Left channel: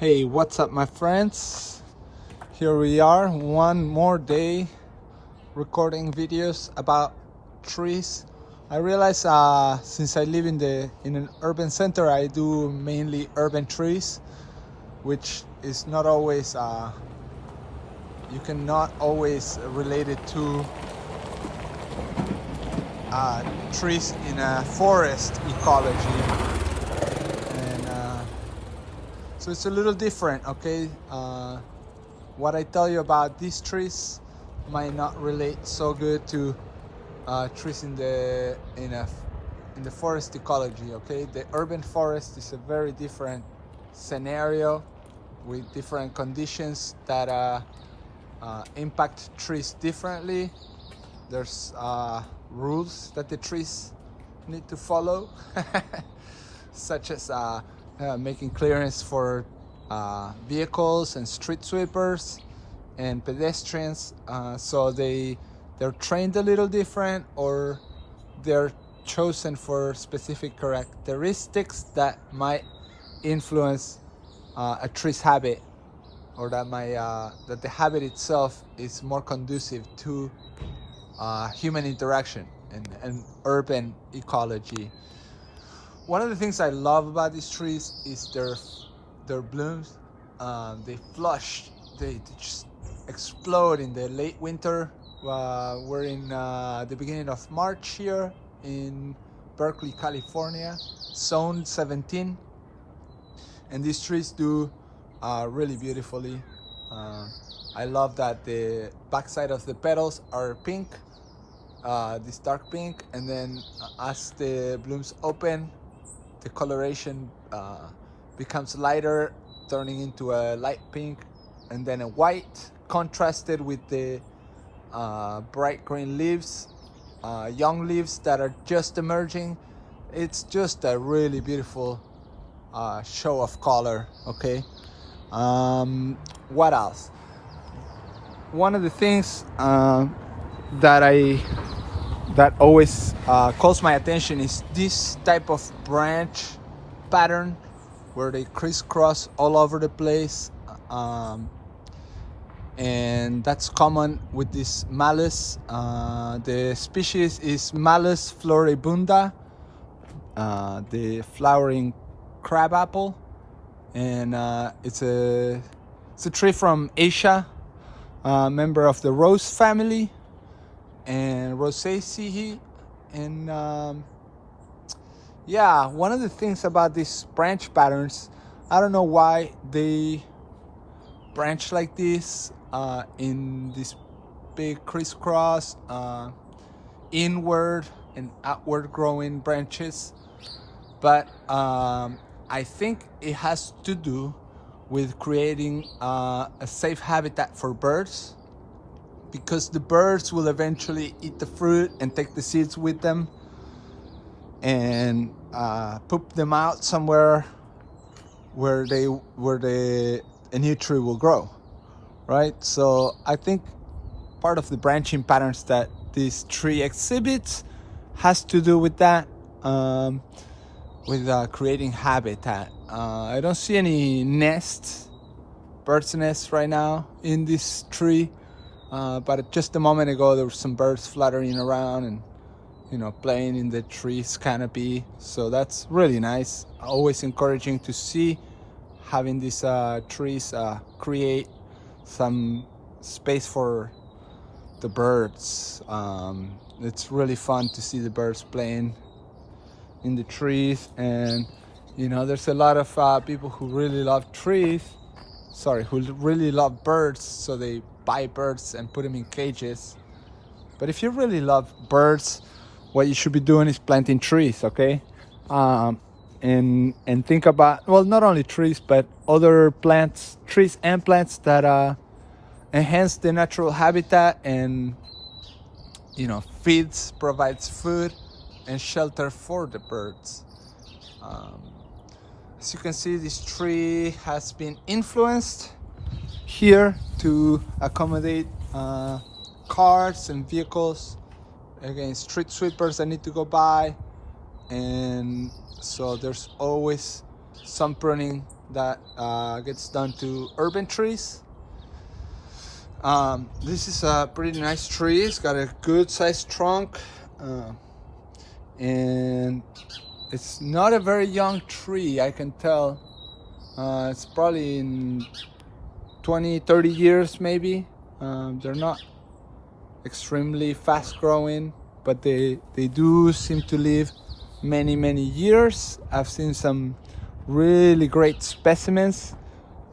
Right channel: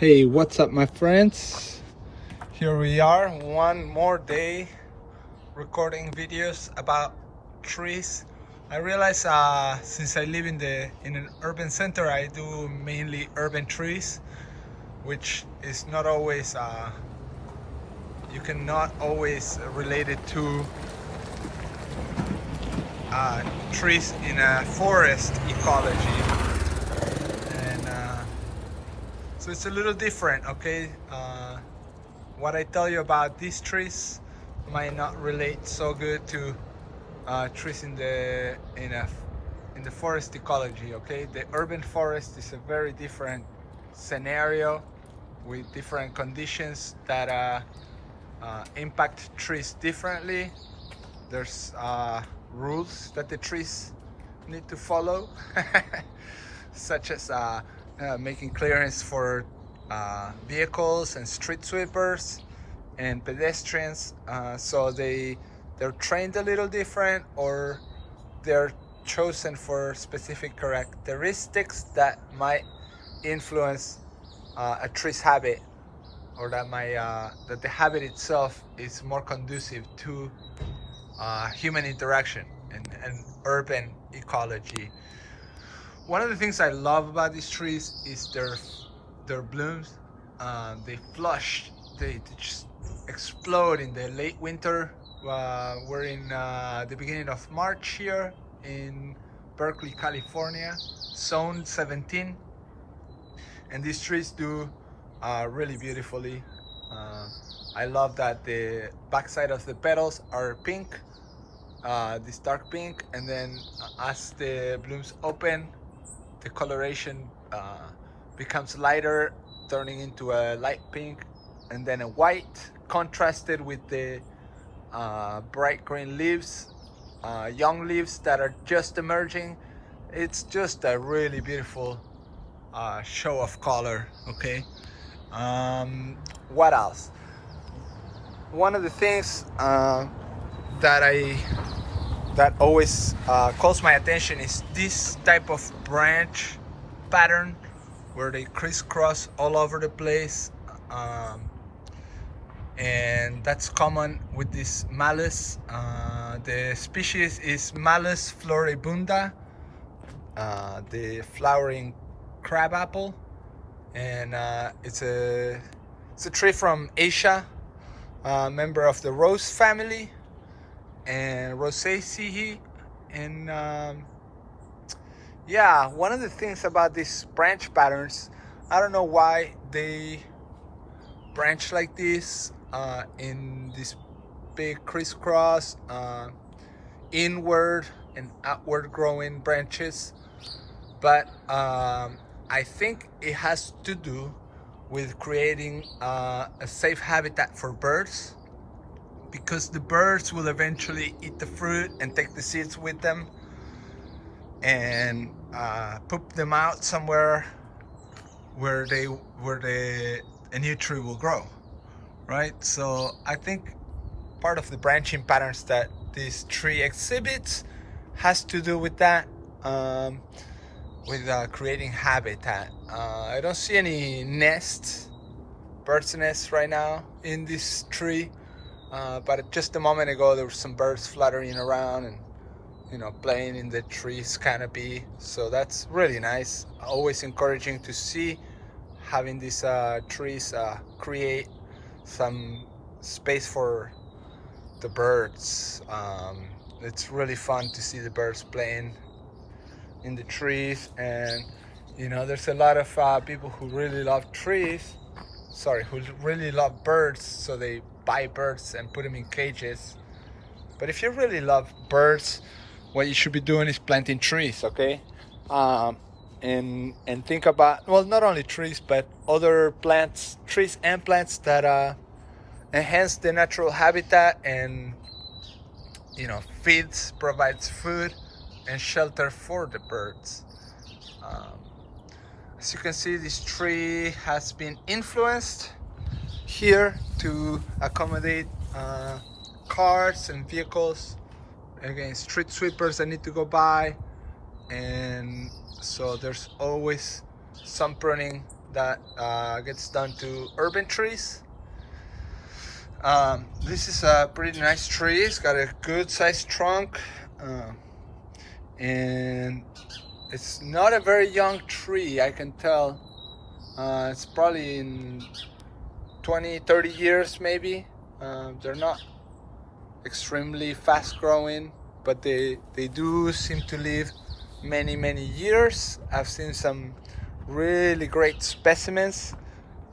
Hey, what's up, my friends? Here we are, one more day recording videos about trees. I realize since I live in an urban center, I do mainly urban trees, which is not always you cannot always relate it to trees in a forest ecology, and so it's a little different. Okay. What I tell you about these trees might not relate so good to trees in the forest ecology. Okay, the urban forest is a very different scenario with different conditions that impact trees differently. There's rules that the trees need to follow, such as making clearance for vehicles and street sweepers and pedestrians, so they're trained a little different, or they're chosen for specific characteristics that might influence a tree's habit, or that the habit itself is more conducive to human interaction and urban ecology. One of the things I love about these trees is their blooms. They flush, they just explode in the late winter. We're in the beginning of March here in Berkeley, California, zone 17, and these trees do really beautifully. I love that the backside of the petals are pink, this dark pink, and then as the blooms open, the coloration becomes lighter, turning into a light pink, and then a white, contrasted with the bright green leaves, young leaves that are just emerging. It's just a really beautiful show of color. Okay. What else? One of the things that always calls my attention is this type of branch pattern where they crisscross all over the place, and that's common with this Malus. The species is Malus floribunda, the flowering crabapple, and it's a tree from Asia, member of the rose family and Rosaceae. And yeah, one of the things about these branch patterns, I don't know why they branch like this, in this big crisscross, inward and outward growing branches, but I think it has to do with creating a safe habitat for birds, because the birds will eventually eat the fruit and take the seeds with them and poop them out somewhere where a new tree will grow, right? So I think part of the branching patterns that this tree exhibits has to do with that, with creating habitat. I don't see any nests, bird's nests right now in this tree, but just a moment ago there were some birds fluttering around and playing in the tree's canopy. So that's really nice. Always encouraging to see, having these trees create some space for the birds. It's really fun to see the birds playing in the trees, and there's a lot of people who really love trees, who really love birds, so they buy birds and put them in cages. But if you really love birds, what you should be doing is planting trees, okay? And think about, well, not only trees, but other plants, trees and plants that enhance the natural habitat and provides food and shelter for the birds. As you can see, this tree has been influenced here to accommodate cars and vehicles, again, street sweepers that need to go by, and so there's always some pruning that gets done to urban trees. This is a pretty nice tree. It's got a good sized trunk, and it's not a very young tree, I can tell. It's probably in 20-30 years maybe. They're not extremely fast growing, but they do seem to live many years. I've seen some really great specimens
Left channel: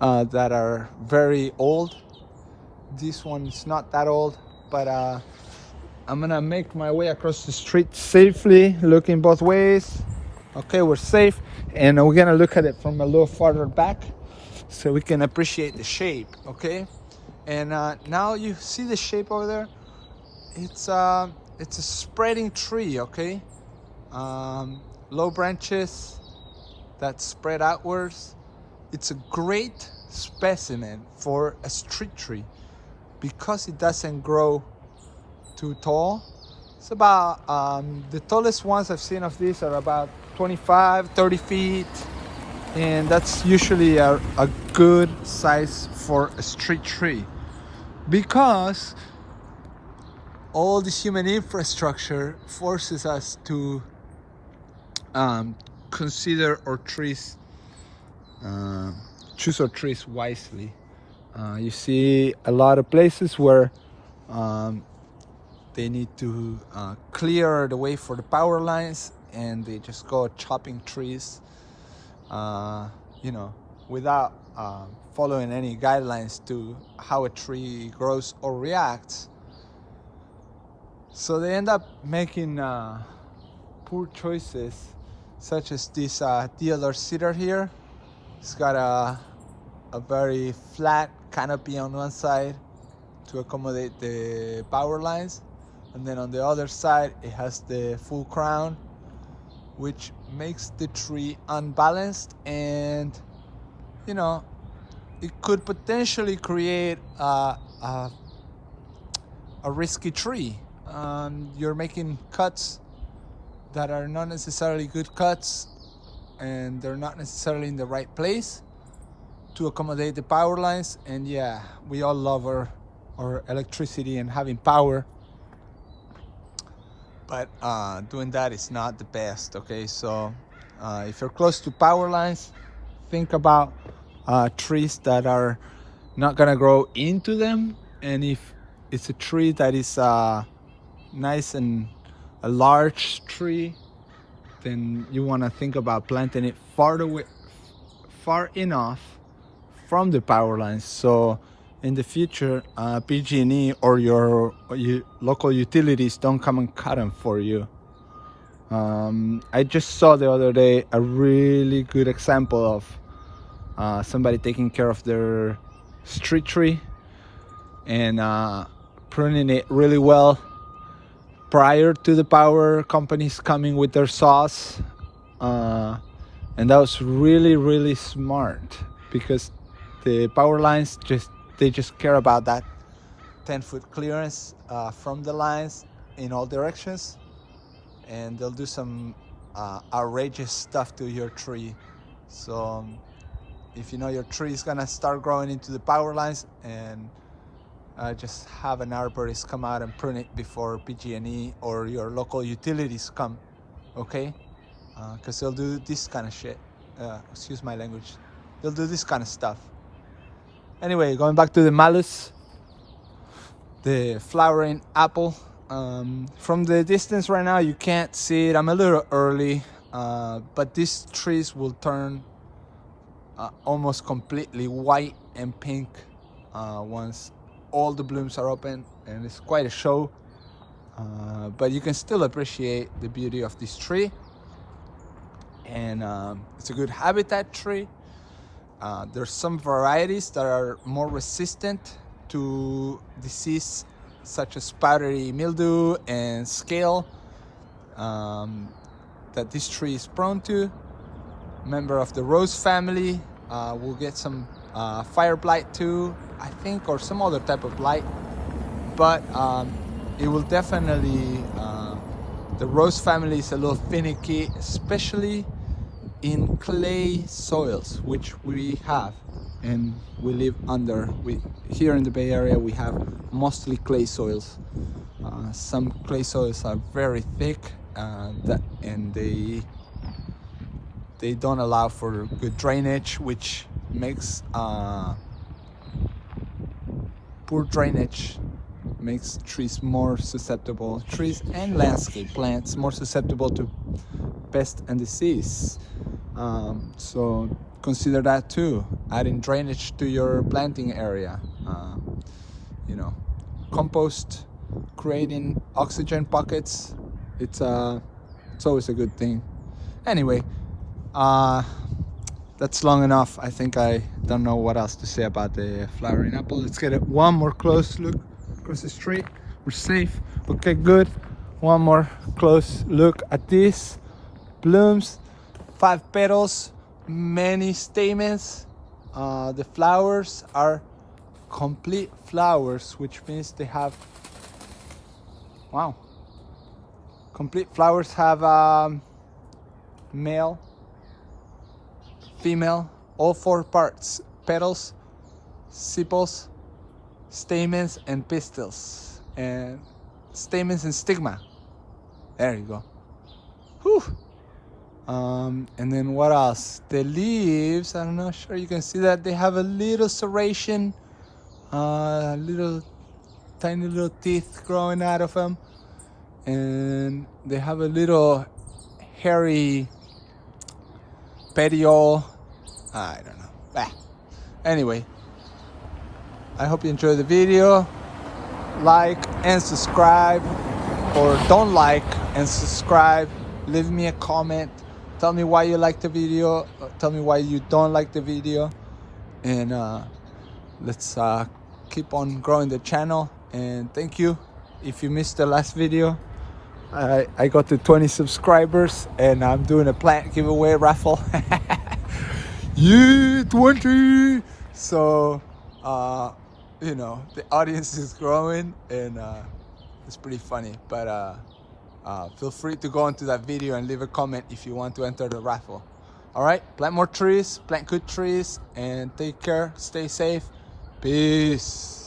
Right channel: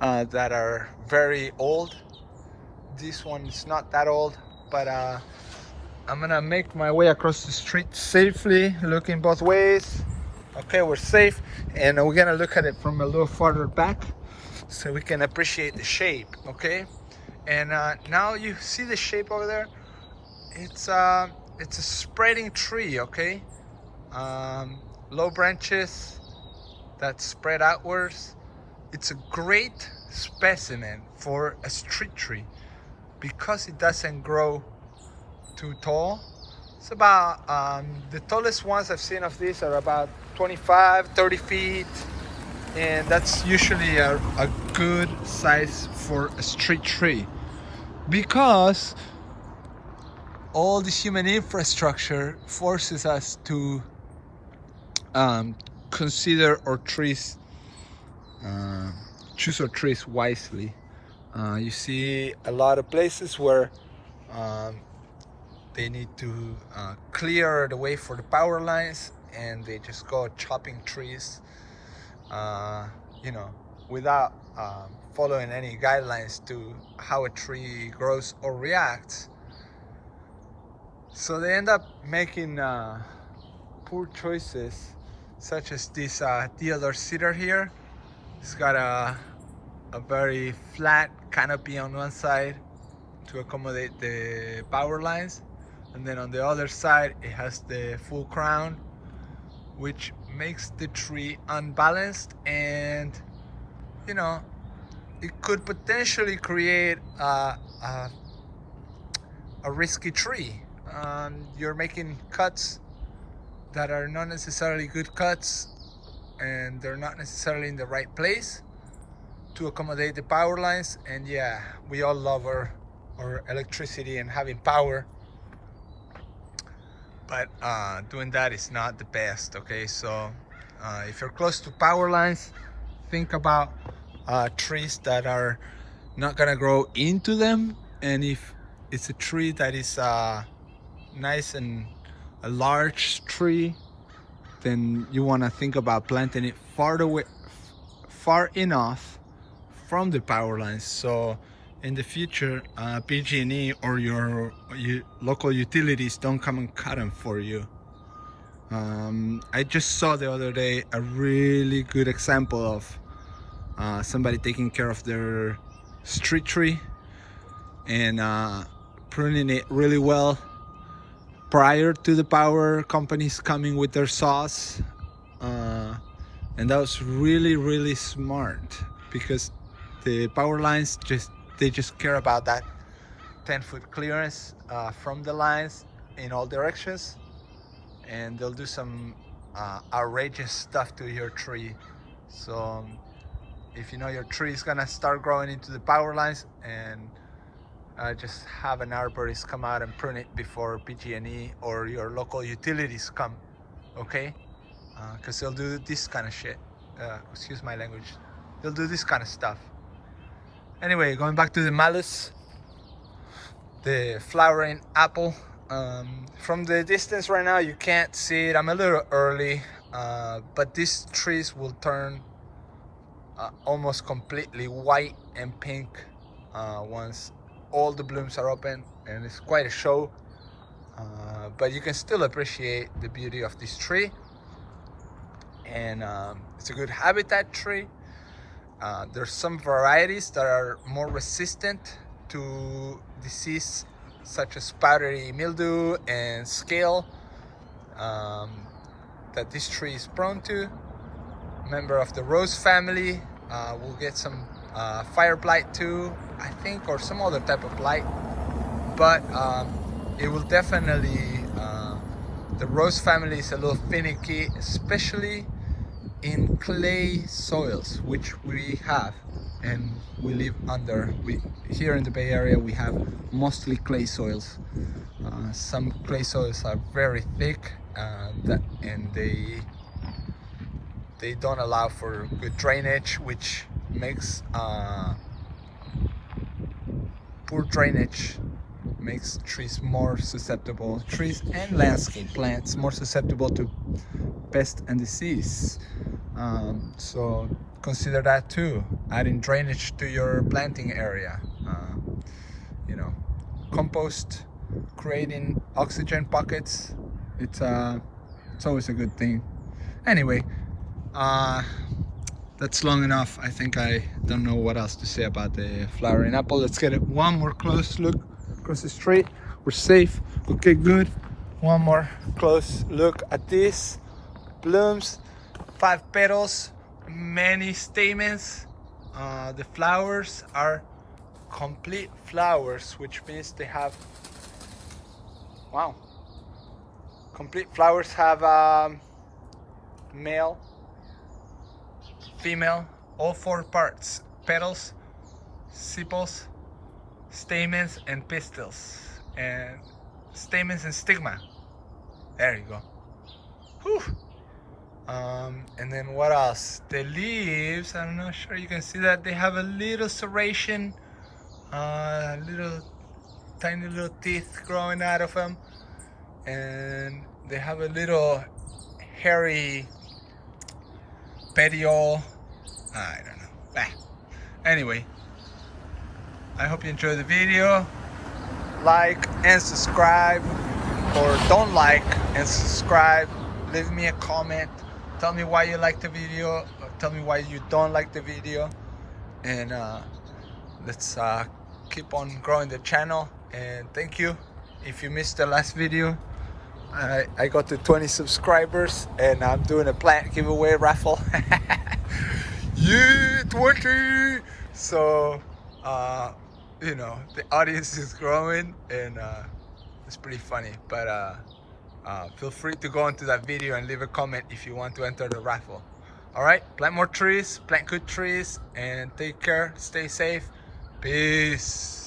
that are very old. This one is not that old, but I'm gonna make my way across the street safely, looking both ways. Okay, we're safe, and we're gonna look at it from a little farther back so we can appreciate the shape. Okay, and now you see the shape over there. It's a spreading tree. Okay, low branches that spread outwards. It's a great specimen for a street tree because it doesn't grow too tall. It's about the tallest ones I've seen of these are about 25-30 feet, and that's usually a good size for a street tree because all the human infrastructure forces us to consider our trees, choose our trees wisely. You see a lot of places where they need to clear the way for the power lines, and they just go chopping trees, you know, without following any guidelines to how a tree grows or reacts. So they end up making poor choices, such as this deodar cedar here. It's got a very flat canopy on one side to accommodate the power lines, and then on the other side it has the full crown, which makes the tree unbalanced, and you know, it could potentially create a risky tree. You're making cuts that are not necessarily good cuts, and they're not necessarily in the right place to accommodate the power lines. And yeah, we all love our electricity and having power, but doing that is not the best. Okay, so if you're close to power lines, think about trees that are not gonna grow into them, and if it's a tree that is nice and a large tree, then you want to think about planting it far enough from the power lines, so in the future PG&E or your local utilities don't come and cut them for you. I just saw the other day a really good example of somebody taking care of their street tree and pruning it really well prior to the power companies coming with their saws, and that was really smart, because the power lines just care about that 10-foot clearance from the lines in all directions, and they'll do some outrageous stuff to your tree. So if you know your tree is gonna start growing into the power lines, and just have an arborist come out and prune it before PG&E or your local utilities come, okay? Because they'll do this kind of shit. Excuse my language. They'll do this kind of stuff. Anyway, going back to the Malus, the flowering apple. From the distance right now, you can't see it. I'm a little early, but these trees will turn almost completely white and pink once all the blooms are open, and it's quite a show, but you can still appreciate the beauty of this tree, and it's a good habitat tree. There's some varieties that are more resistant to disease such as powdery mildew and scale that this tree is prone to. Member of the rose family will get some fire blight too, I think, or some other type of blight, but it will definitely, the rose family is a little finicky, especially in clay soils, which we have, and we live under. Here in the Bay Area we have mostly clay soils. Some clay soils are very thick, and they don't allow for good drainage, which makes poor drainage makes trees more susceptible, trees and landscape plants more susceptible to pest and disease. So consider that too, adding drainage to your planting area. You know, compost, creating oxygen pockets, it's always a good thing. Anyway, that's long enough. I think I don't know what else to say about the flowering apple. Let's get one more close look across the street. We're safe. Okay, good. One more close look at these blooms. 5 petals, many stamens. The flowers are complete flowers, which means they have, wow, complete flowers have male, female, all 4 parts: petals, sepals, stamens, and pistils, and stamens and stigma. There you go. Whew. And then what else? The leaves, I'm not sure you can see that, they have a little serration, little tiny little teeth growing out of them, and they have a little hairy petiole. I don't know. Anyway, I hope you enjoyed the video. Like and subscribe, or don't like and subscribe. Leave me a comment. Tell me why you like the video, or tell me why you don't like the video, and let's keep on growing the channel. And thank you. If you missed the last video, I got to 20 subscribers, and I'm doing a plant giveaway raffle. Yeah, 20. So you know, the audience is growing, and it's pretty funny. But feel free to go into that video and leave a comment if you want to enter the raffle. All right, plant more trees, plant good trees, and take care. Stay safe. Peace.